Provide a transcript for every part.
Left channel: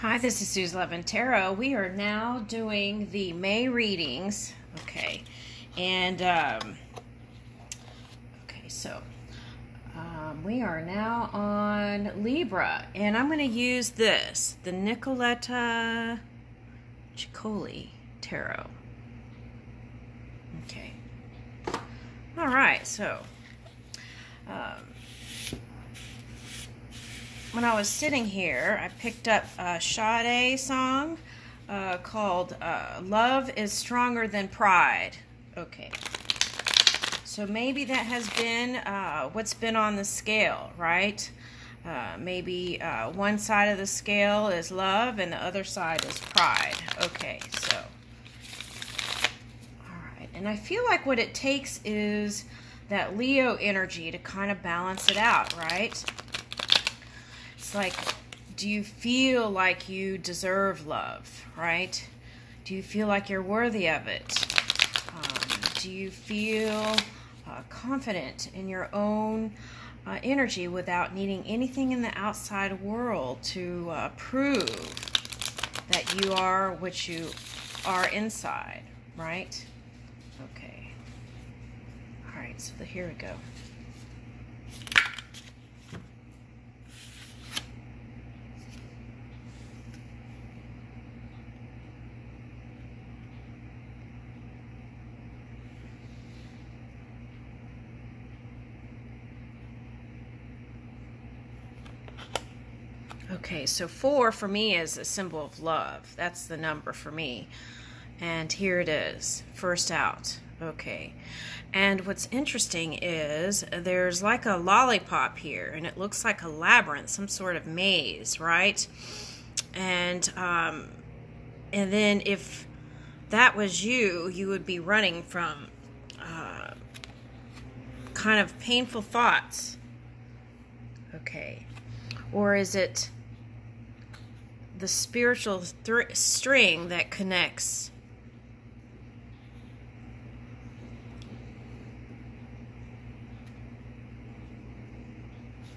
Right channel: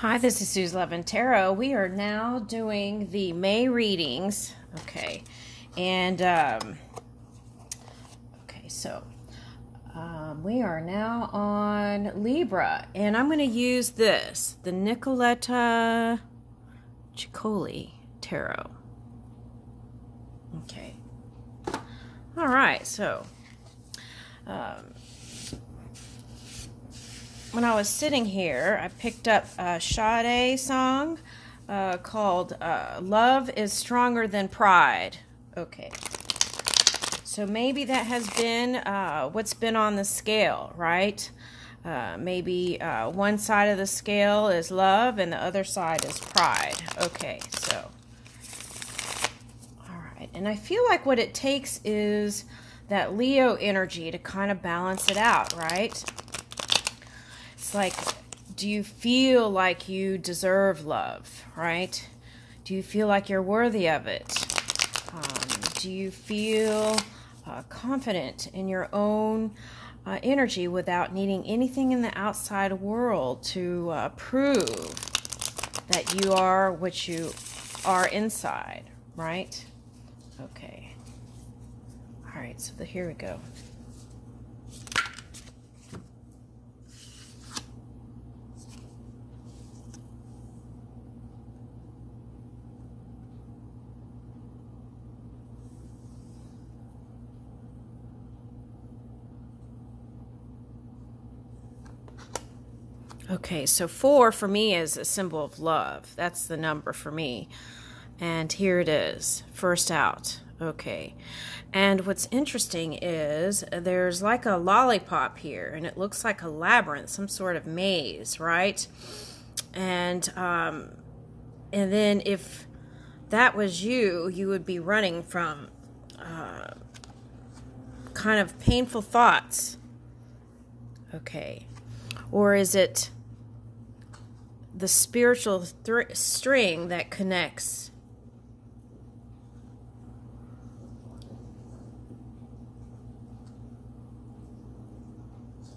Hi, this is Sue's Love and Tarot. We are now doing the May readings. Okay, and we are now on Libra, and I'm going to use this, the Nicoletta Ciccoli Tarot. Okay. All right, so when I was sitting here, I picked up a Sade song called Love is Stronger Than Pride. Okay. So maybe that has been what's been on the scale, right? Maybe one side of the scale is love and the other side is pride. Okay, so. All right. And I feel like what it takes is that Leo energy to kind of balance it out, right? It's like, do you feel like you deserve love, right? Do you feel like you're worthy of it? Do you feel confident in your own energy without needing anything in the outside world to prove that you are what you are inside, right? Okay. All right, so here we go. Okay, so 4 for me is a symbol of love. That's the number for me. And here it is, first out. Okay. And what's interesting is there's like a lollipop here, and it looks like a labyrinth, some sort of maze, right? And then if that was you, you would be running from kind of painful thoughts. Okay. Or is it the spiritual string that connects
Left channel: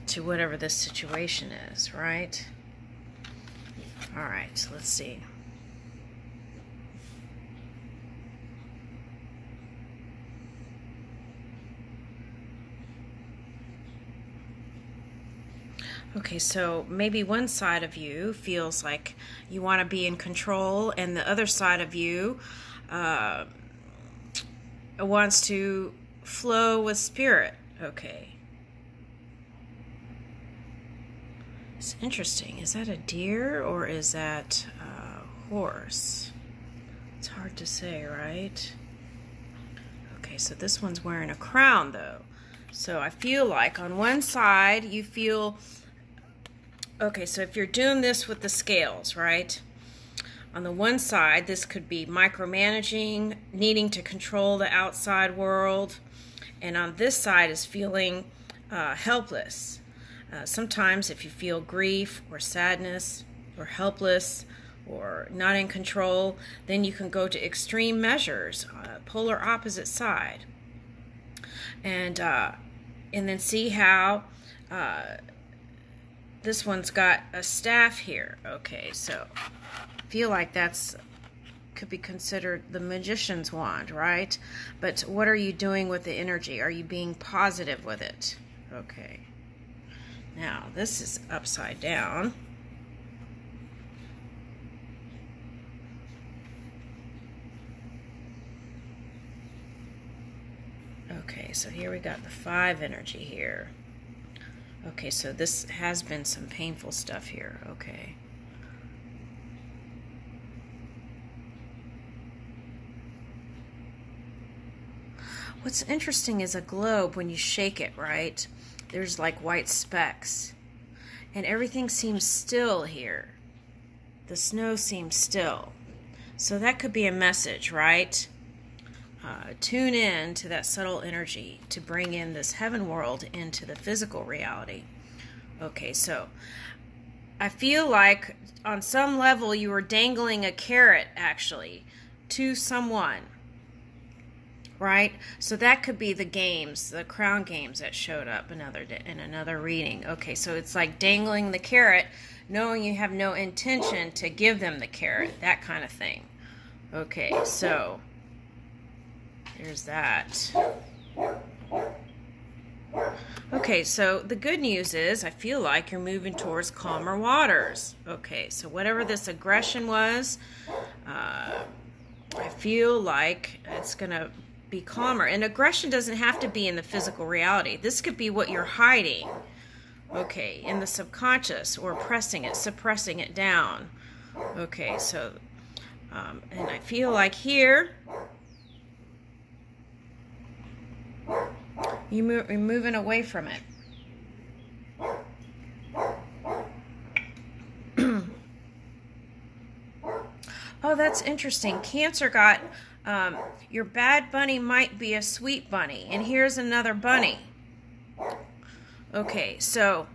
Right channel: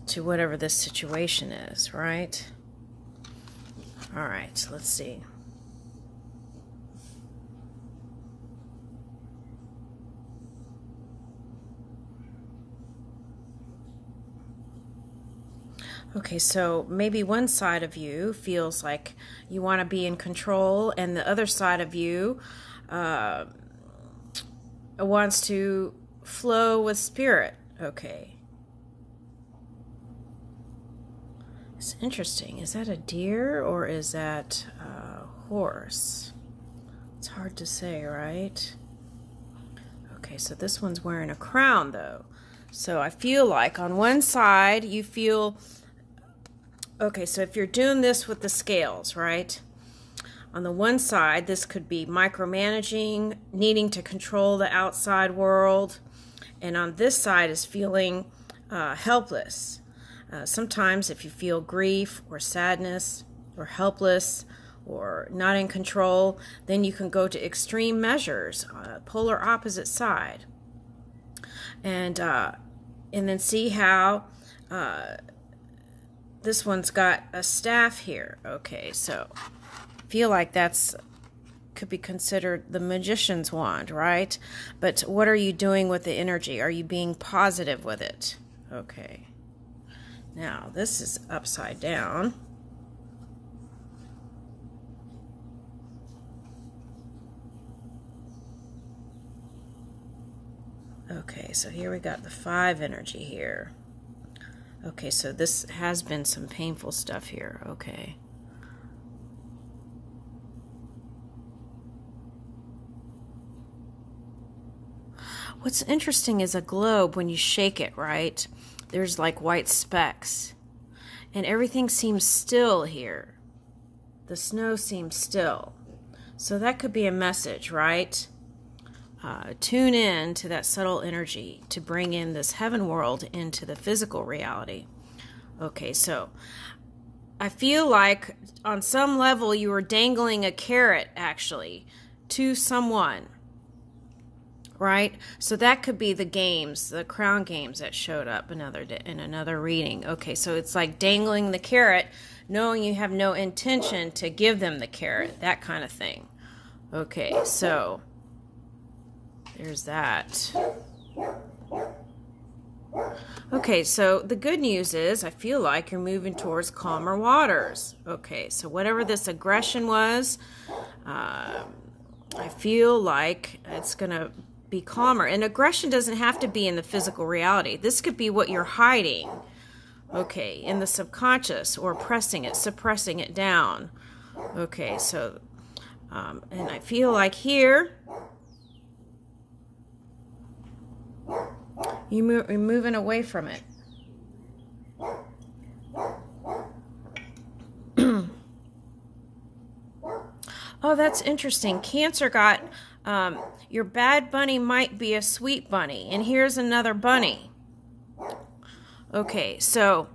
to whatever this situation is, right? All right, so let's see. Okay, so maybe one side of you feels like you want to be in control, and the other side of you wants to flow with spirit. Okay. It's interesting. Is that a deer or is that a horse? It's hard to say, right? Okay, so this one's wearing a crown, though. So I feel like on one side you feel... Okay, so if you're doing this with the scales, right? On the one side, this could be micromanaging, needing to control the outside world. And on this side is feeling helpless. Sometimes if you feel grief or sadness or helpless or not in control, then you can go to extreme measures, polar opposite side. And then see how... this one's got a staff here. Okay, so I feel like that's could be considered the magician's wand, right? But what are you doing with the energy? Are you being positive with it? Okay. Now, this is upside down. Okay, so here we got the 5 energy here. Okay, so this has been some painful stuff here. Okay. What's interesting is a globe, when you shake it, right? There's like white specks. And everything seems still here. The snow seems still. So that could be a message, right? Tune in to that subtle energy to bring in this heaven world into the physical reality. Okay, so I feel like on some level you were dangling a carrot, actually, to someone, right? So that could be the games, the crown games that showed up in another reading. Okay, so it's like dangling the carrot knowing you have no intention to give them the carrot, that kind of thing. Okay, so there's that. Okay, so the good news is I feel like you're moving towards calmer waters. Okay, so whatever this aggression was, I feel like it's going to be calmer. And aggression doesn't have to be in the physical reality. This could be what you're hiding, okay, in the subconscious, or pressing it, suppressing it down. Okay, so, and I feel like here, you're moving away from it. Oh, that's interesting. Cancer got, your bad bunny might be a sweet bunny. And here's another bunny. Okay, so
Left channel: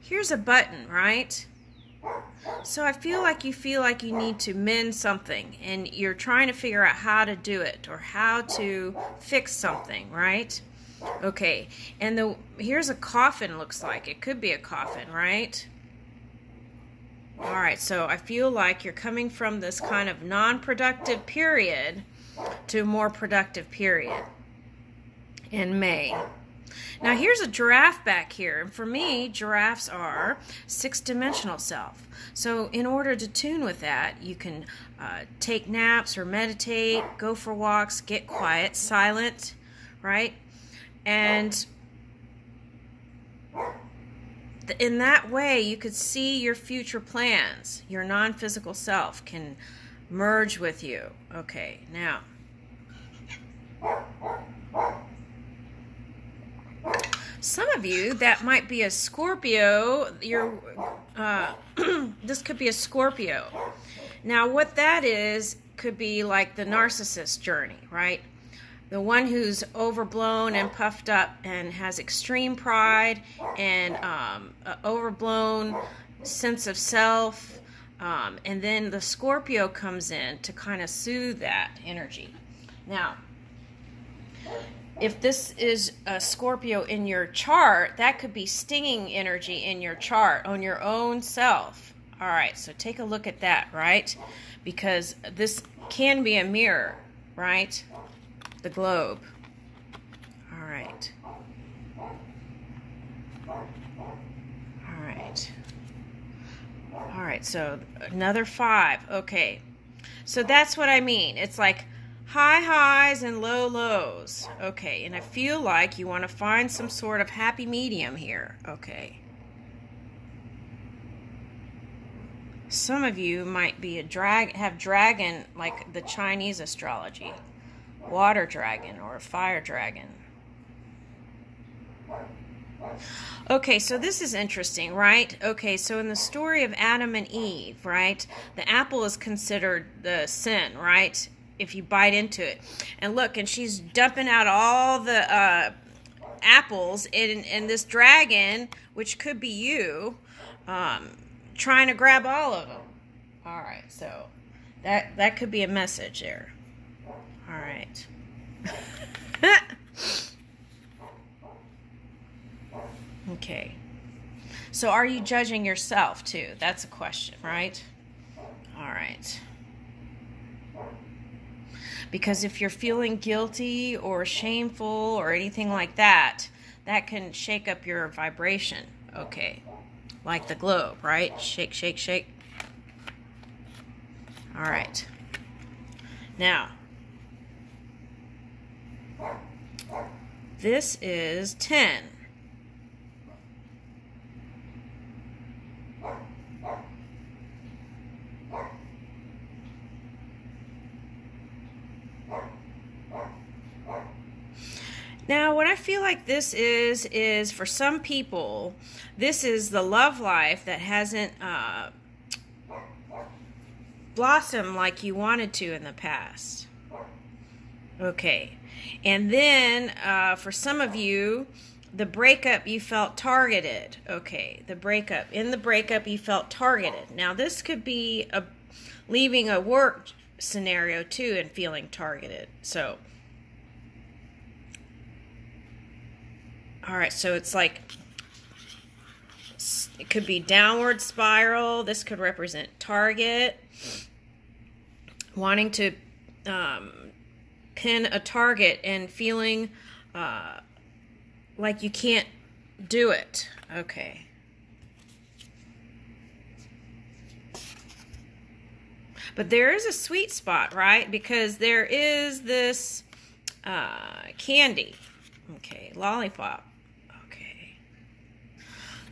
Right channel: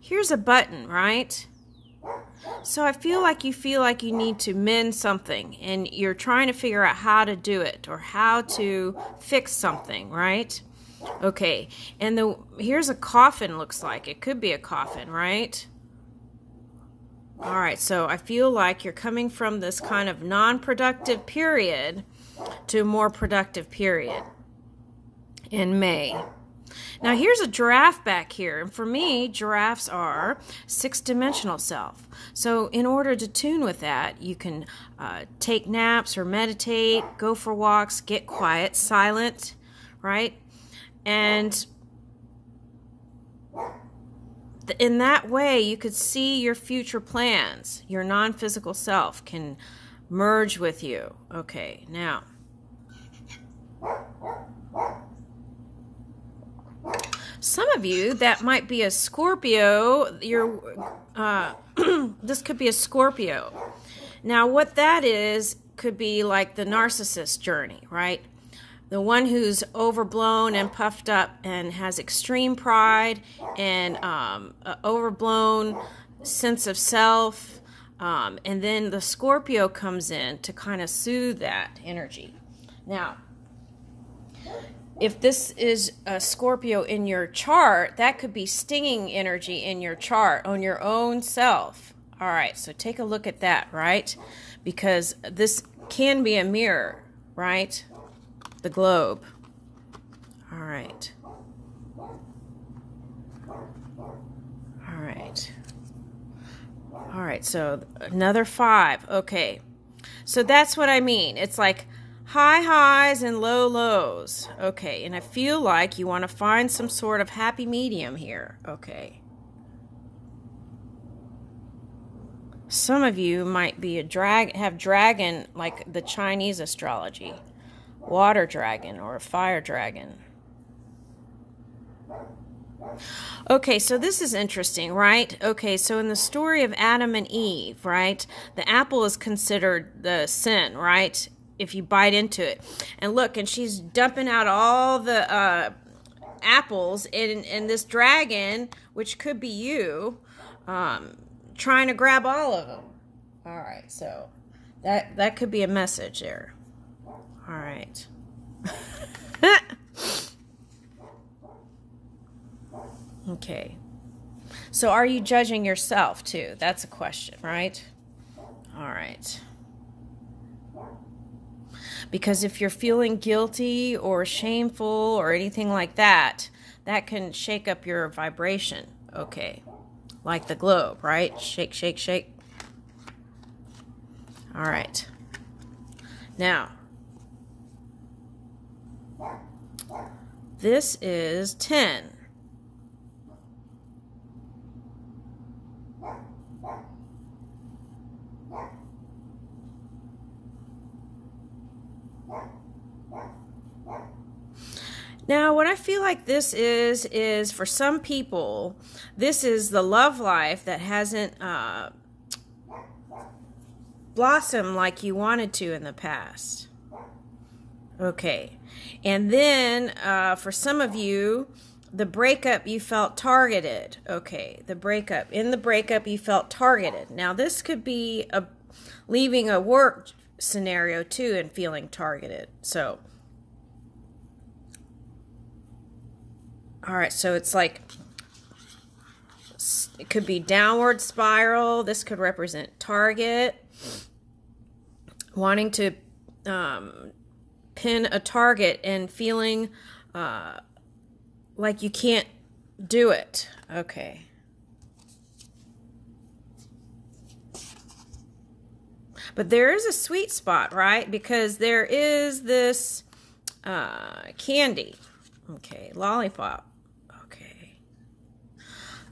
here's a button, right? So I feel like you need to mend something, and you're trying to figure out how to do it or how to fix something, right? Okay, and here's a coffin, looks like. It could be a coffin, right? All right, so I feel like you're coming from this kind of non-productive period to a more productive period in May. Now here's a giraffe back here, and for me, giraffes are six-dimensional self. So in order to tune with that, you can take naps or meditate, go for walks, get quiet, silent, right? And in that way, you could see your future plans. Your non-physical self can merge with you. Okay, now, some of you, that might be a Scorpio. This could be a Scorpio. Now, what that is could be like the narcissist journey, right? The one who's overblown and puffed up and has extreme pride and an overblown sense of self. And then the Scorpio comes in to kind of soothe that energy. Now, if this is a Scorpio in your chart, that could be stinging energy in your chart on your own self. All right, so take a look at that, right? Because this can be a mirror, right? The globe. All right. All right. All right, so another 5. Okay. So that's what I mean. It's like high highs and low lows. Okay, and I feel like you want to find some sort of happy medium here. Okay. Some of you might be have dragon, like the Chinese astrology. Water dragon or a fire dragon. Okay, so this is interesting, right? Okay, so in the story of Adam and Eve, right, the apple is considered the sin, right, if you bite into it. And look, and she's dumping out all the apples, and this dragon, which could be you, trying to grab all of them. All right, so that could be a message there. All right. Okay. So are you judging yourself too? That's a question, right? All right. Because if you're feeling guilty or shameful or anything like that, that can shake up your vibration. Okay. Like the globe, right? Shake, shake, shake. All right. Now, this is 10. Now, what I feel like this is for some people, this is the love life that hasn't blossomed like you wanted to in the past. Okay. And then, for some of you, the breakup, you felt targeted. Okay, the breakup. In the breakup, you felt targeted. Now, this could be leaving a work scenario, too, and feeling targeted. So, all right, so it's like It could be downward spiral. This could represent target. Wanting to pin a target and feeling like you can't do it. Okay. But there is a sweet spot, right? Because there is this candy. Okay, lollipop. Okay.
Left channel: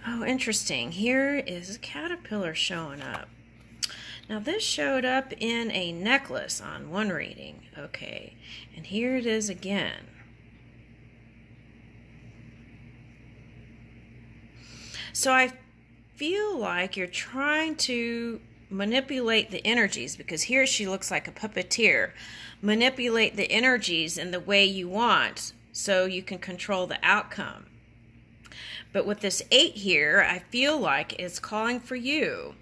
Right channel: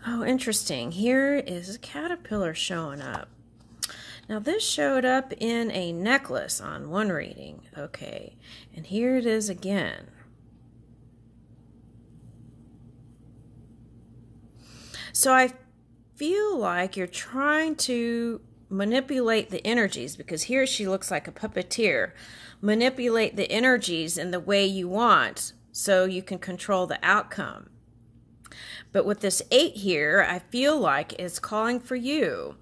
Oh, interesting. Here is a caterpillar showing up. Now, this showed up in a necklace on one reading. Okay, and here it is again. So I feel like you're trying to manipulate the energies, because here she looks like a puppeteer. Manipulate the energies in the way you want so you can control the outcome. But with this 8 here, I feel like it's calling for you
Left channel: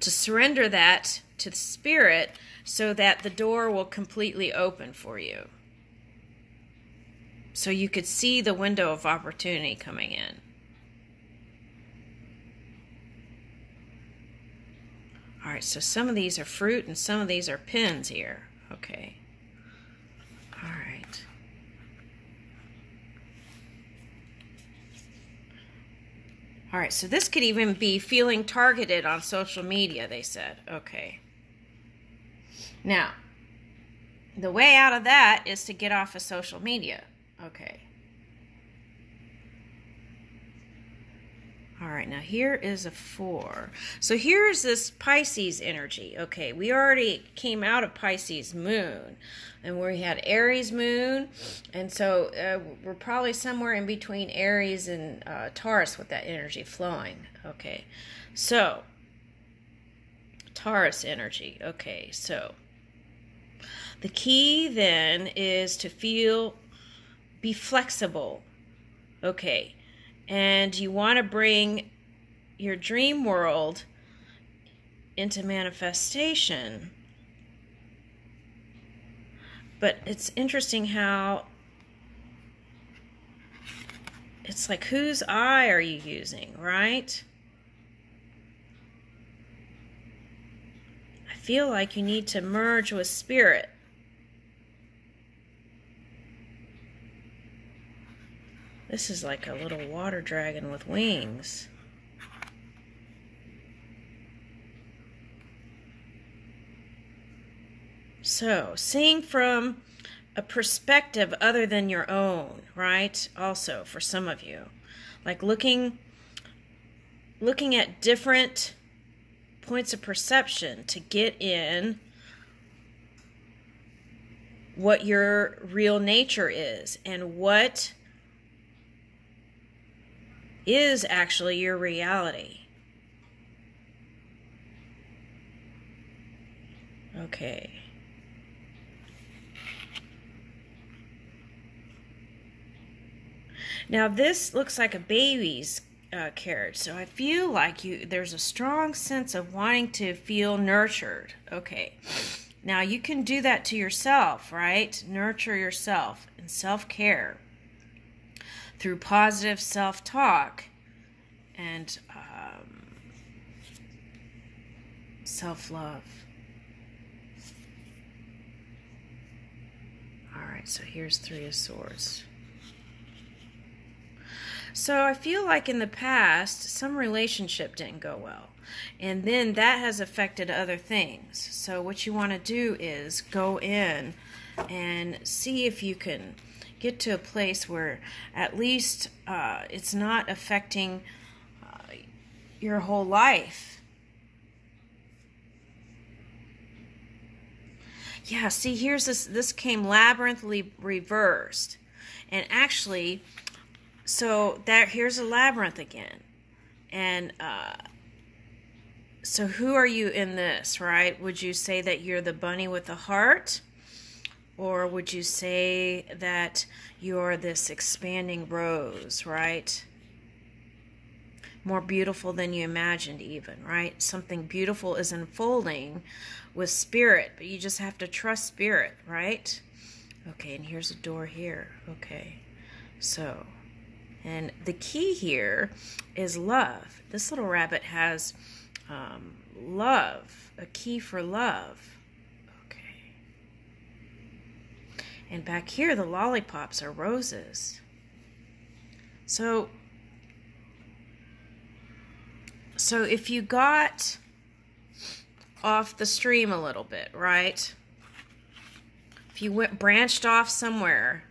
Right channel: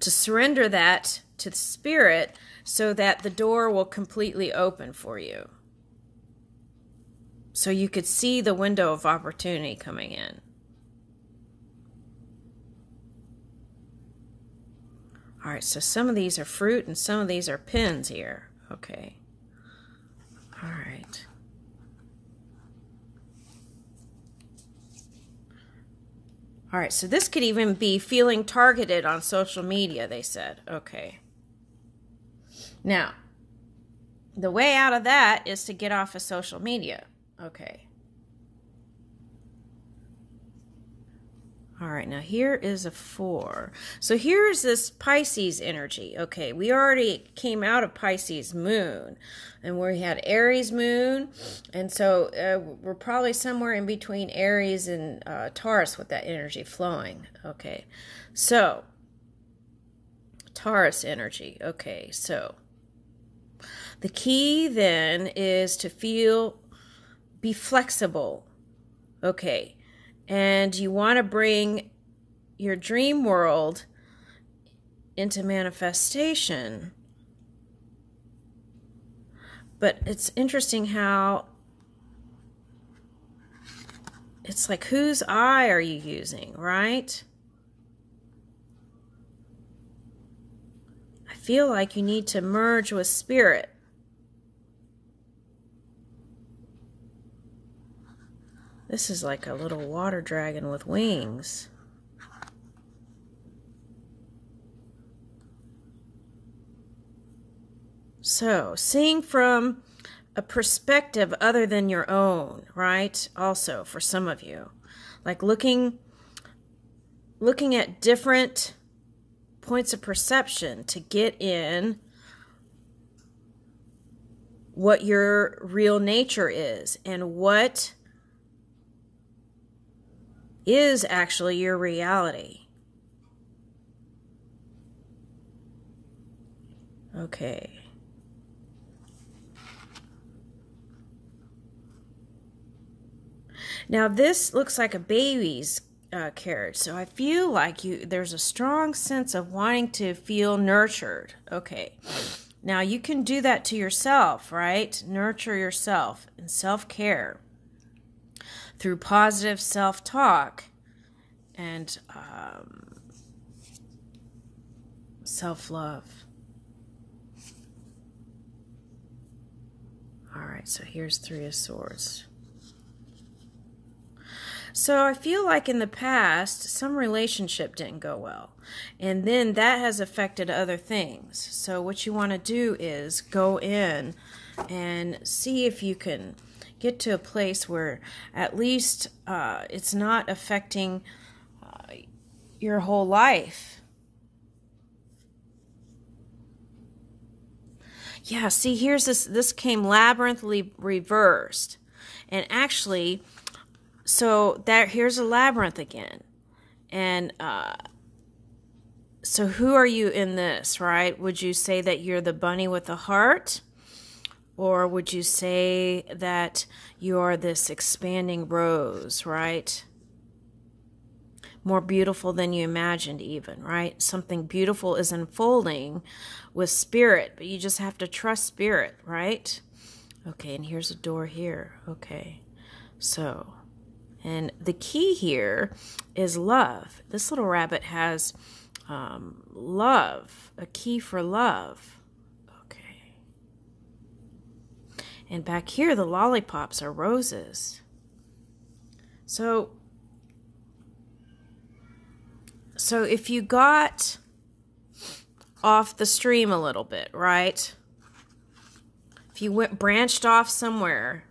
to surrender that to the spirit so that the door will completely open for you. So you could see the window of opportunity coming in. All right, so some of these are fruit and some of these are pins here. Okay. All right. All right, so this could even be feeling targeted on social media, they said. Okay. Now, the way out of that is to get off of social media. Okay. All right, now here is a 4. So here's this Pisces energy. Okay, we already came out of Pisces moon, and we had Aries moon, and so we're probably somewhere in between Aries and Taurus with that energy flowing. Okay, so Taurus energy. Okay, so the key then is to be flexible. Okay. And you want to bring your dream world into manifestation. But it's interesting how it's like, whose eye are you using, right? I feel like you need to merge with spirit. This is like a little water dragon with wings. So, seeing from a perspective other than your own, right? Also, for some of you. Like looking at different points of perception to get in what your real nature is and what is actually your reality. Okay. Now this looks like a baby's carriage, so I feel like there's a strong sense of wanting to feel nurtured. Okay. Now you can do that to yourself, right? Nurture yourself and self-care through positive self-talk and self-love. All right, so here's 3 of Swords. So I feel like in the past, some relationship didn't go well. And then that has affected other things. So what you want to do is go in and see if you can get to a place where at least it's not affecting your whole life. Yeah, see, here's this came labyrinthly reversed. And actually, so here's a labyrinth again. And so who are you in this, right? Would you say that you're the bunny with the heart? Or would you say that you're this expanding rose, right? More beautiful than you imagined even, right? Something beautiful is unfolding with spirit, but you just have to trust spirit, right? Okay, and here's a door here. Okay, so, And the key here is love. This little rabbit has love, a key for love. Okay. And back here, the lollipops are roses. So if you got off the stream a little bit, right? If you branched off somewhere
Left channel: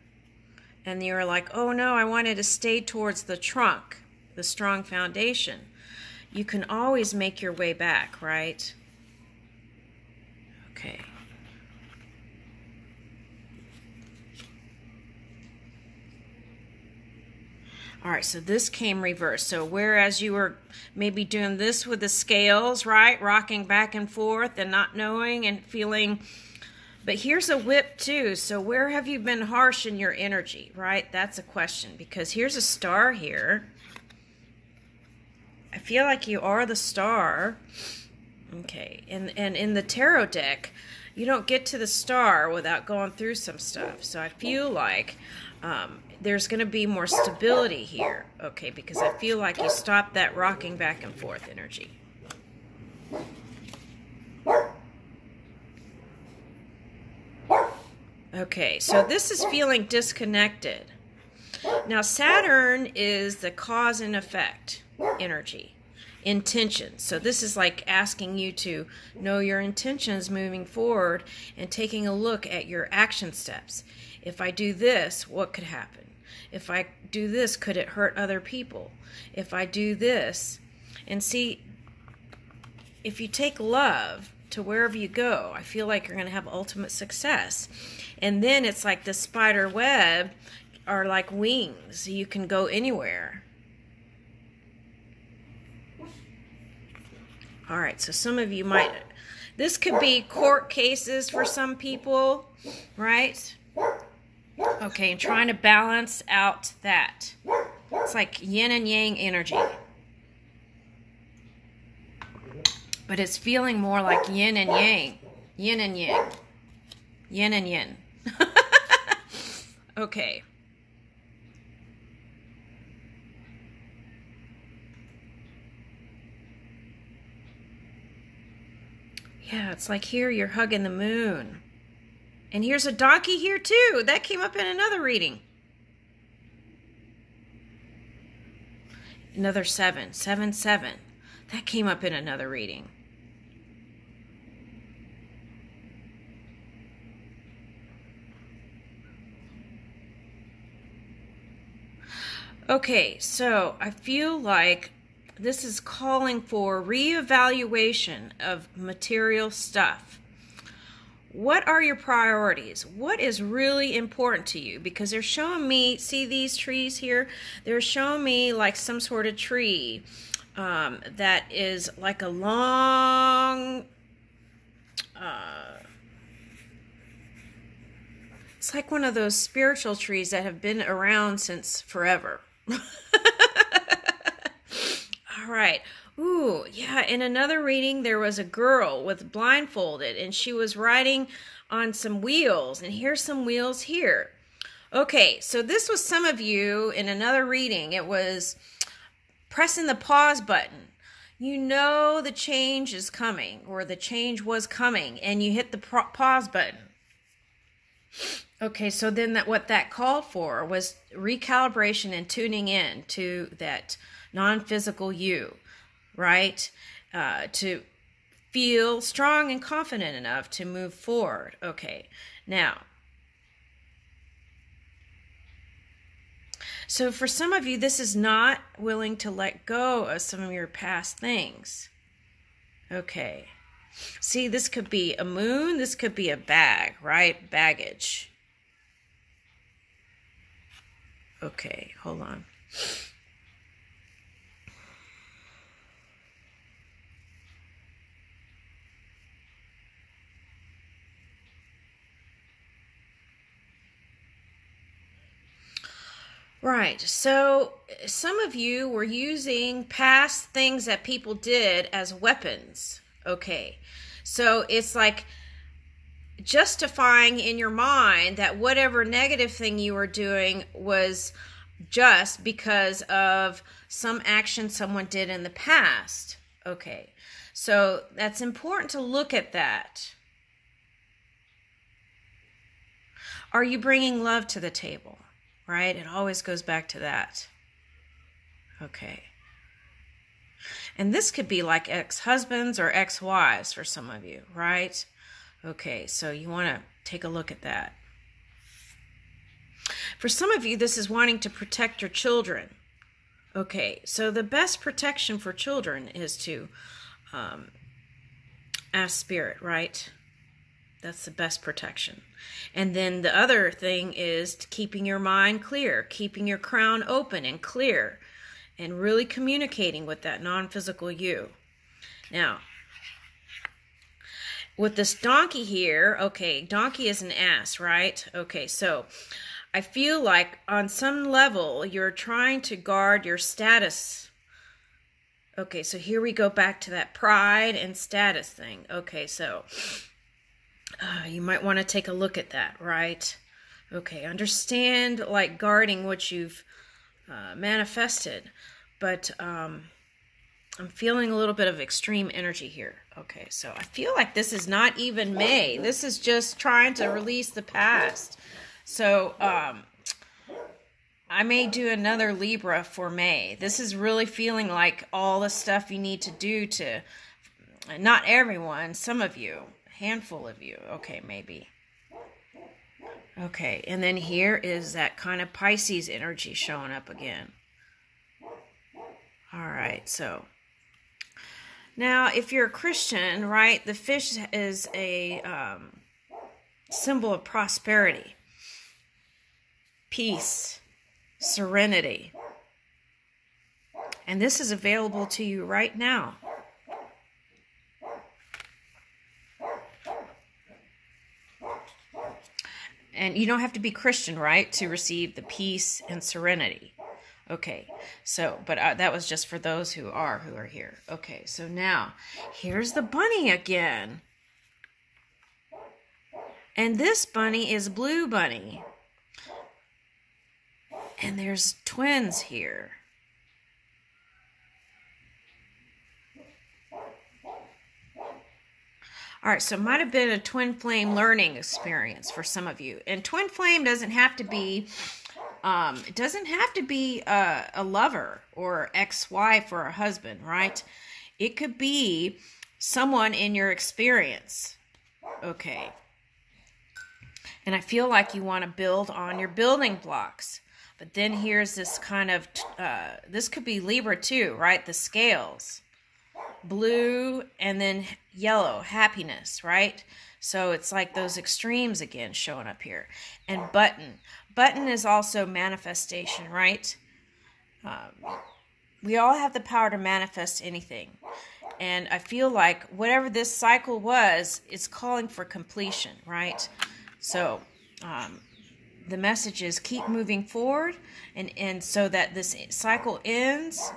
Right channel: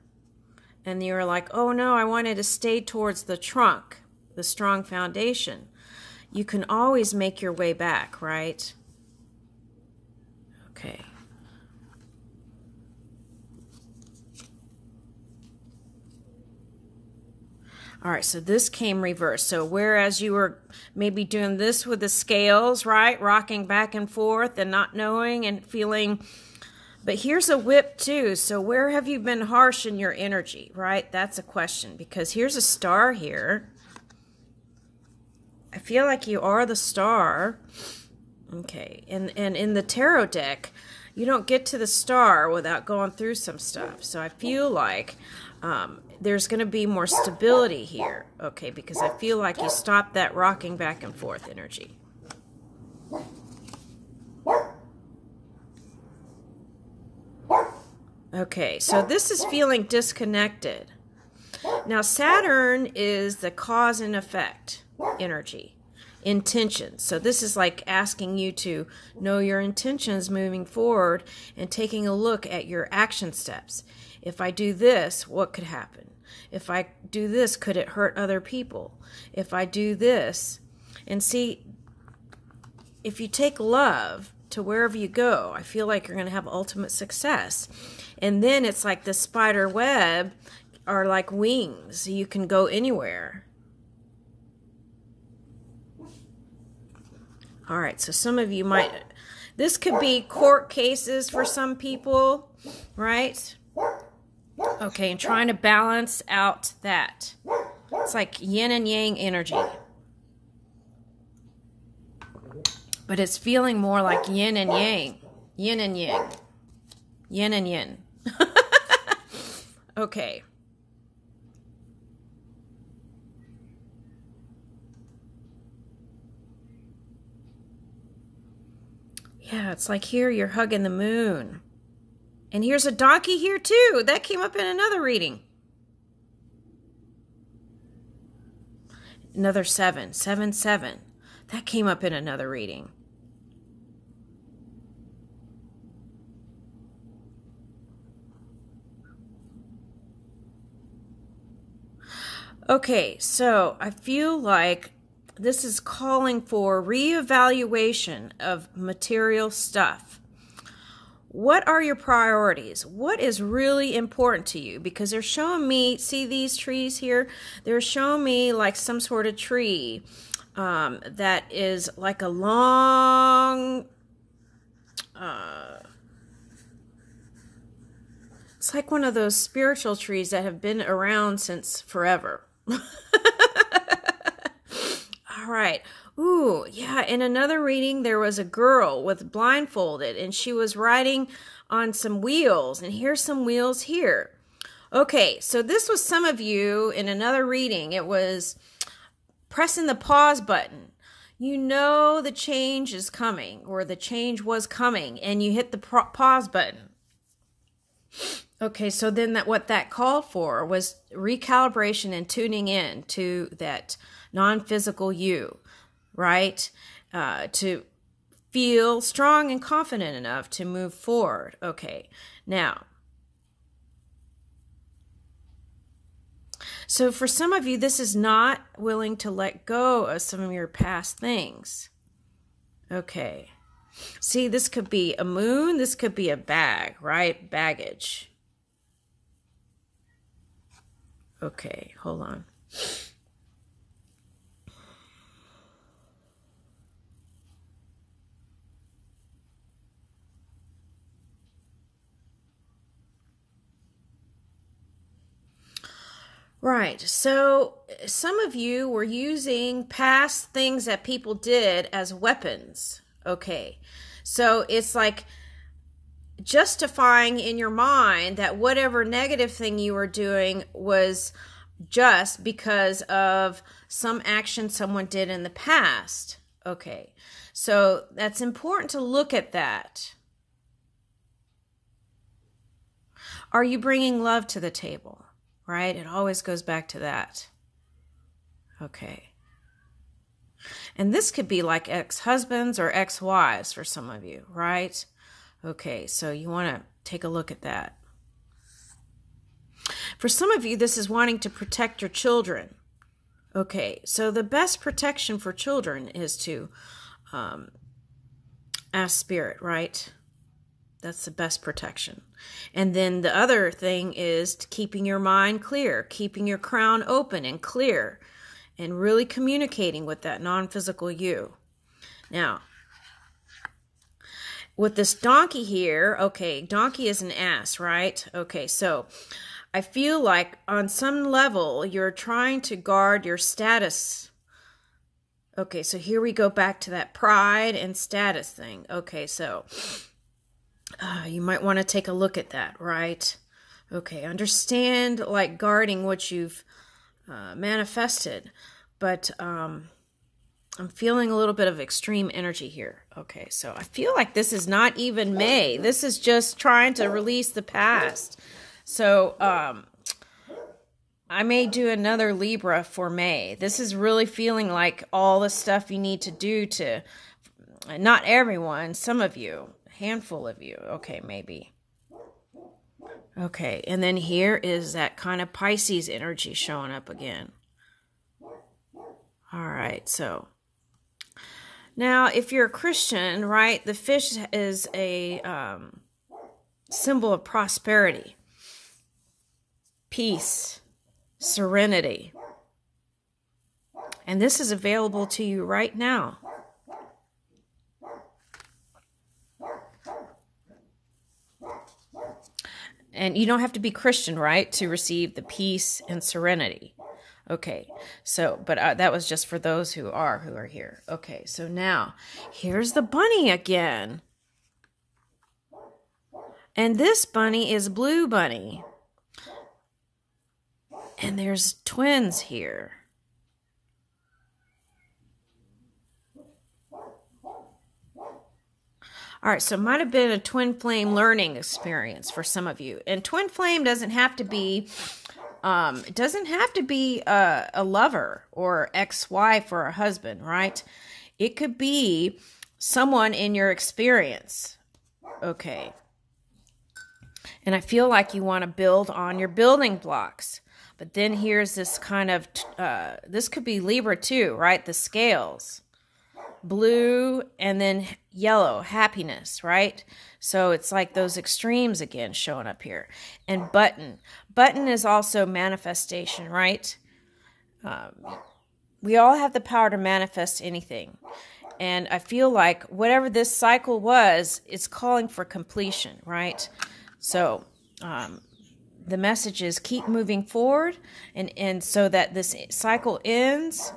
and you were like, oh no, I wanted to stay towards the trunk, the strong foundation, you can always make your way back, right? Okay. All right, so this came reversed. So whereas you were maybe doing this with the scales, right? Rocking back and forth and not knowing and feeling. But here's a whip too. So where have you been harsh in your energy, right? That's a question, because here's a star here. I feel like you are the star. Okay, and in the tarot deck, you don't get to the star without going through some stuff. So I feel like there's going to be more stability here, okay, because I feel like you stopped that rocking back and forth energy. Okay, so this is feeling disconnected. Now, Saturn is the cause and effect energy, intention. So this is like asking you to know your intentions moving forward and taking a look at your action steps. If I do this, what could happen? If I do this, could it hurt other people? If I do this, and see, if you take love to wherever you go, I feel like you're going to have ultimate success. And then it's like the spider web are like wings. You can go anywhere. All right, so some of you might, this could be court cases for some people, right? Okay, and trying to balance out that. It's like yin and yang energy. But it's feeling more like yin and yang. Yin and yang. Yin and yin. Okay. Yeah, it's like here you're hugging the moon. And here's a donkey here too. That came up in another reading. Another 7. 7, 7. That came up in another reading. Okay, so I feel like this is calling for reevaluation of material stuff. What are your priorities? What is really important to you? Because they're showing me, see these trees here? They're showing me like some sort of tree that is like a long, it's like one of those spiritual trees that have been around since forever. All right. Ooh, yeah, in another reading, there was a girl with blindfolded, and she was riding on some wheels, and here's some wheels here. Okay, so this was some of you in another reading. It was pressing the pause button. You know the change is coming, or the change was coming, and you hit the pause button. Okay, so then what that called for was recalibration and tuning in to that non-physical you. Right? To feel strong and confident enough to move forward. Okay, now, so for some of you, this is not willing to let go of some of your past things. Okay. See, this could be a moon, this could be a bag, right? Baggage. Okay, hold on. Right, so some of you were using past things that people did as weapons. Okay, so it's like justifying in your mind that whatever negative thing you were doing was just because of some action someone did in the past. Okay, so that's important to look at that. Are you bringing love to the table? Right? It always goes back to that. Okay. And this could be like ex-husbands or ex-wives for some of you, right? Okay, so you want to take a look at that. For some of you, this is wanting to protect your children. Okay, so the best protection for children is to ask Spirit, right? That's the best protection. And then the other thing is keeping your mind clear, keeping your crown open and clear, and really communicating with that non-physical you. Now, with this donkey here, okay, donkey is an ass, right? Okay, so I feel like on some level you're trying to guard your status. Okay, so here we go back to that pride and status thing. Okay, so you might want to take a look at that, right? Okay, understand like guarding what you've manifested, but I'm feeling a little bit of extreme energy here. Okay, so I feel like this is not even May. This is just trying to release the past. So I may do another Libra for May. This is really feeling like all the stuff you need to do to, not everyone, some of you, a handful of you. Okay, maybe. Okay, and then here is that kind of Pisces energy showing up again. All right, so now if you're a Christian, right, the fish is a symbol of prosperity, peace, serenity. And this is available to you right now. And you don't have to be Christian, right, to receive the peace and serenity. Okay, so, but that was just for those who are here. Okay, so now, here's the bunny again. And this bunny is Blue Bunny. And there's twins here. All right, so it might have been a twin flame learning experience for some of you. And twin flame doesn't have to be, it doesn't have to be a lover or ex-wife or a husband, right? It could be someone in your experience. Okay. And I feel like you want to build on your building blocks. But then here's this kind of, this could be Libra too, right? The scales. Blue and then yellow, happiness, right? So it's like those extremes again showing up here. And button. Button is also manifestation, right? We all have the power to manifest anything. And I feel like whatever this cycle was, it's calling for completion, right? So the message is keep moving forward and so that this cycle ends.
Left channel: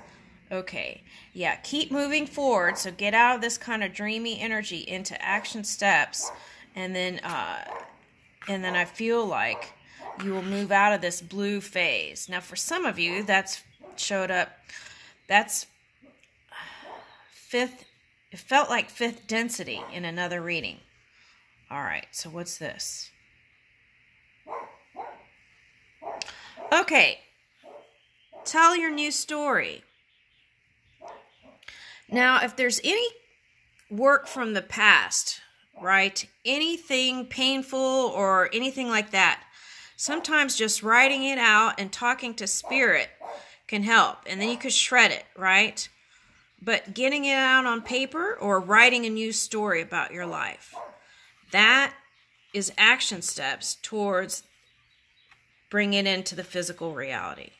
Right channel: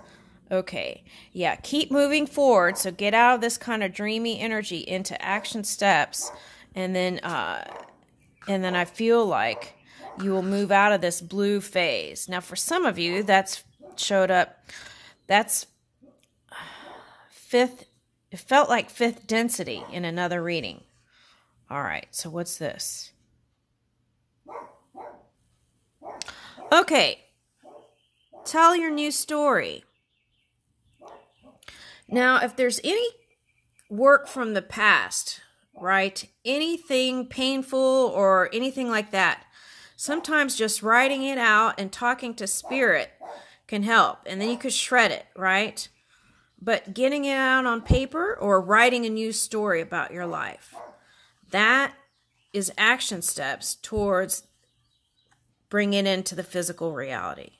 Okay, yeah, keep moving forward. So get out of this kind of dreamy energy into action steps, and then I feel like you will move out of this blue phase. Now, for some of you, that's showed up. That's fifth. It felt like fifth density in another reading. All right, so what's this? Okay, tell your new story. Now, if there's any work from the past, right, anything painful or anything like that, sometimes just writing it out and talking to Spirit can help. And then you could shred it, right? But getting it out on paper or writing a new story about your life, that is action steps towards bringing it into the physical reality,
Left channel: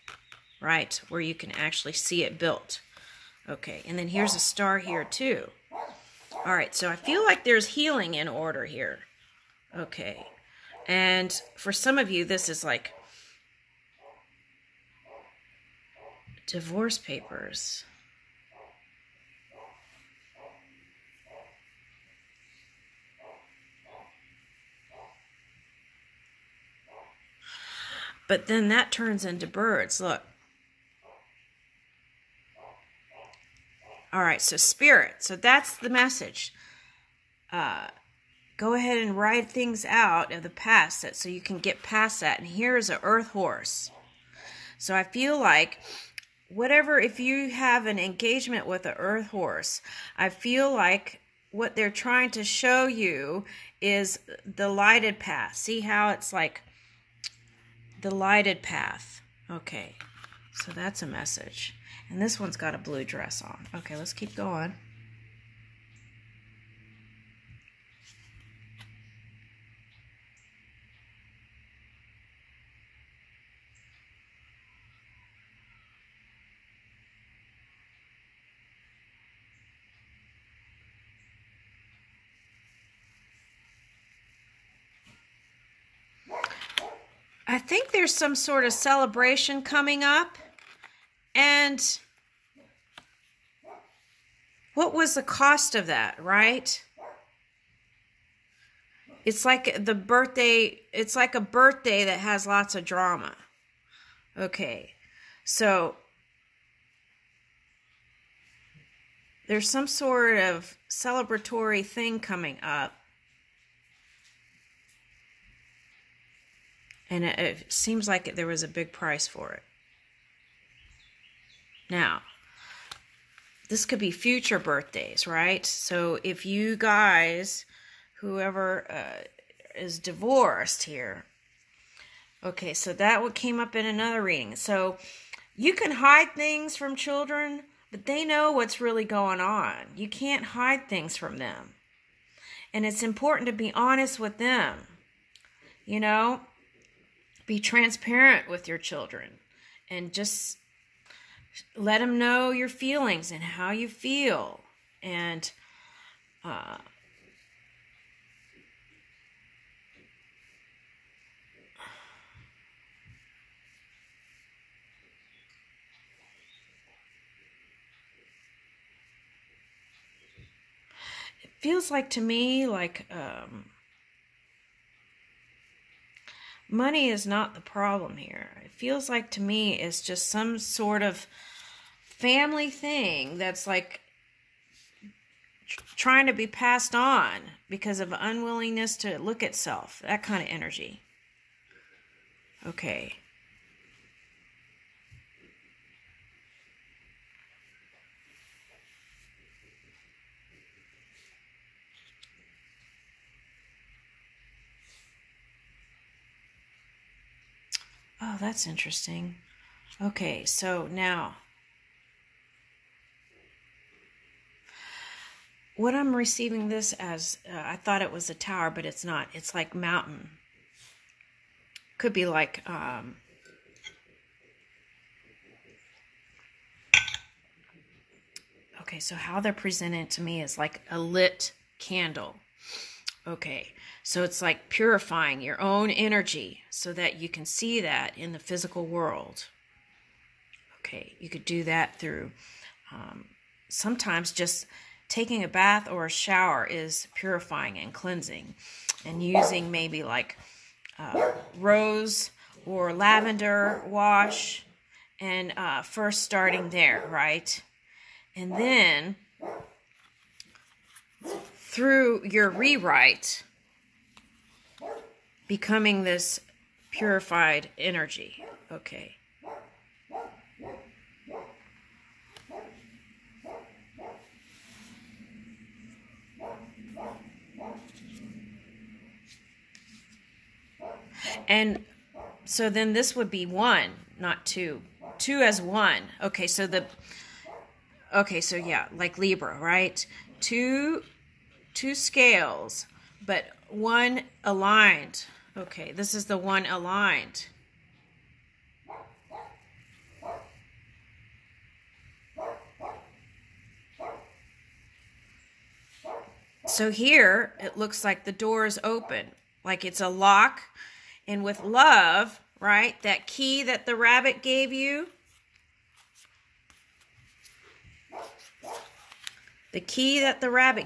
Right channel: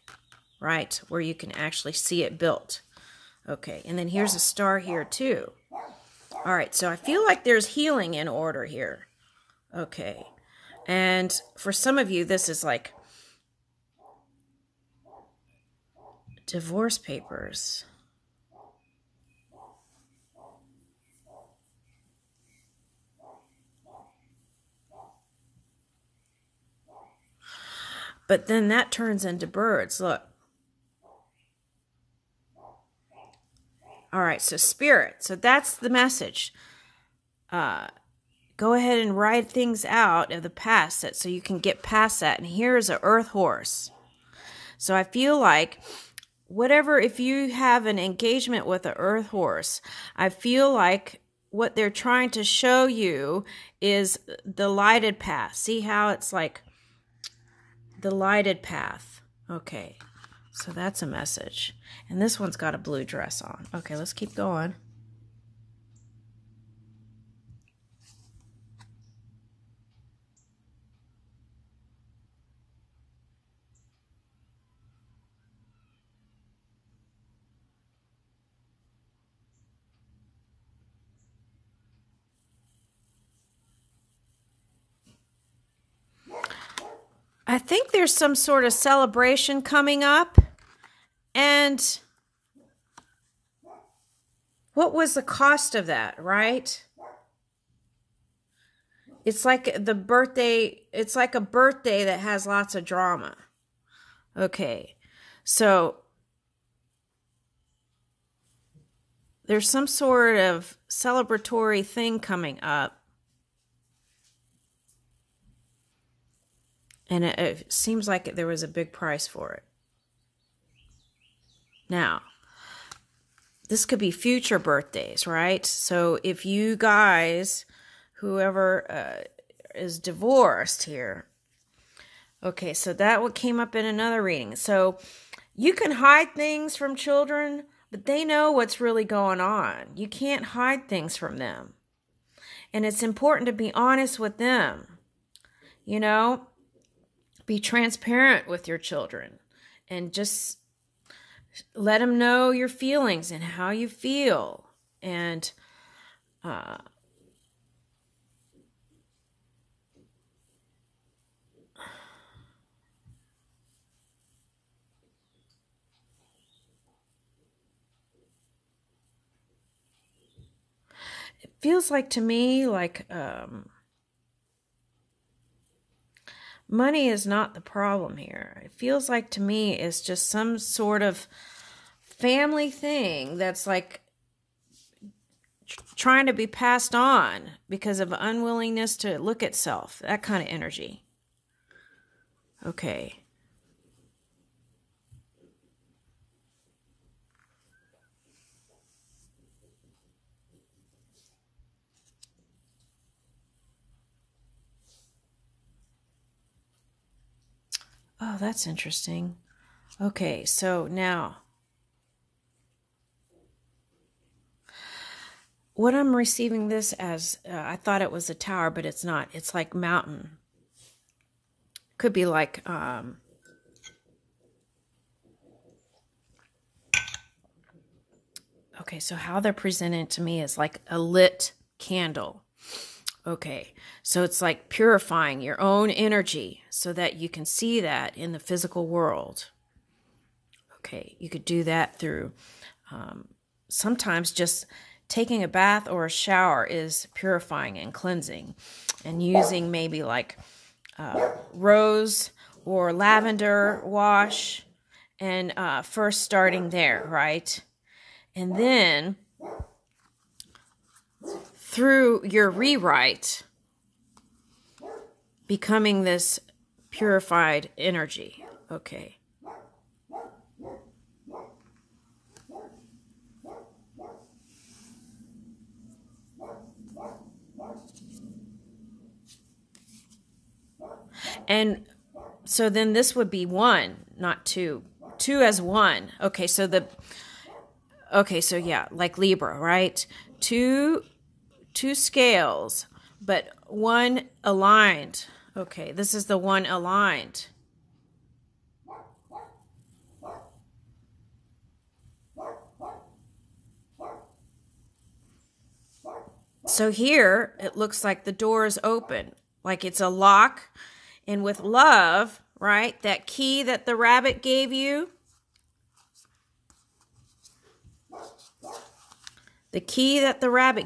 right, where you can actually see it built. Okay, and then here's a star here too. All right, so I feel like there's healing in order here. Okay, and for some of you, this is like divorce papers. But then that turns into birds. Look. All right, so spirit. So that's the message. Go ahead and write things out of the past so you can get past that. And here's an earth horse. So I feel like whatever, if you have an engagement with an earth horse, I feel like what they're trying to show you is the lighted path. See how it's like the lighted path. Okay, so that's a message. And this one's got a blue dress on. Okay, let's keep going. I think there's some sort of celebration coming up. And what was the cost of that, right? It's like the birthday, it's like a birthday that has lots of drama. Okay, so there's some sort of celebratory thing coming up. And it seems like there was a big price for it. Now, this could be future birthdays, right? So if you guys, whoever is divorced here, okay, so that what came up in another reading. So you can hide things from children, but they know what's really going on. You can't hide things from them. And it's important to be honest with them, you know? Be transparent with your children and just let them know your feelings and how you feel. And it feels like to me like money is not the problem here. It feels like to me it's just some sort of family thing that's like trying to be passed on because of unwillingness to look at self. That kind of energy. Okay. Oh, that's interesting. Okay, so now what I'm receiving this as, I thought it was a tower, but it's not. It's like mountain. Could be like, okay, so how they're presented to me is like a lit candle. Okay, so it's like purifying your own energy so that you can see that in the physical world. Okay, you could do that through sometimes just taking a bath or a shower is purifying and cleansing, and using maybe like rose or lavender wash, and first starting there, right? And then through your rewrite, becoming this purified energy. Okay. And so then this would be 1, not 2. 2 as 1. Okay, so so yeah, like Libra, right? Two scales, but 1 aligned. Okay, this is the 1 aligned. So here, it looks like the door is open, like it's a lock. And with love, right, that key that the rabbit gave you, the key that the rabbit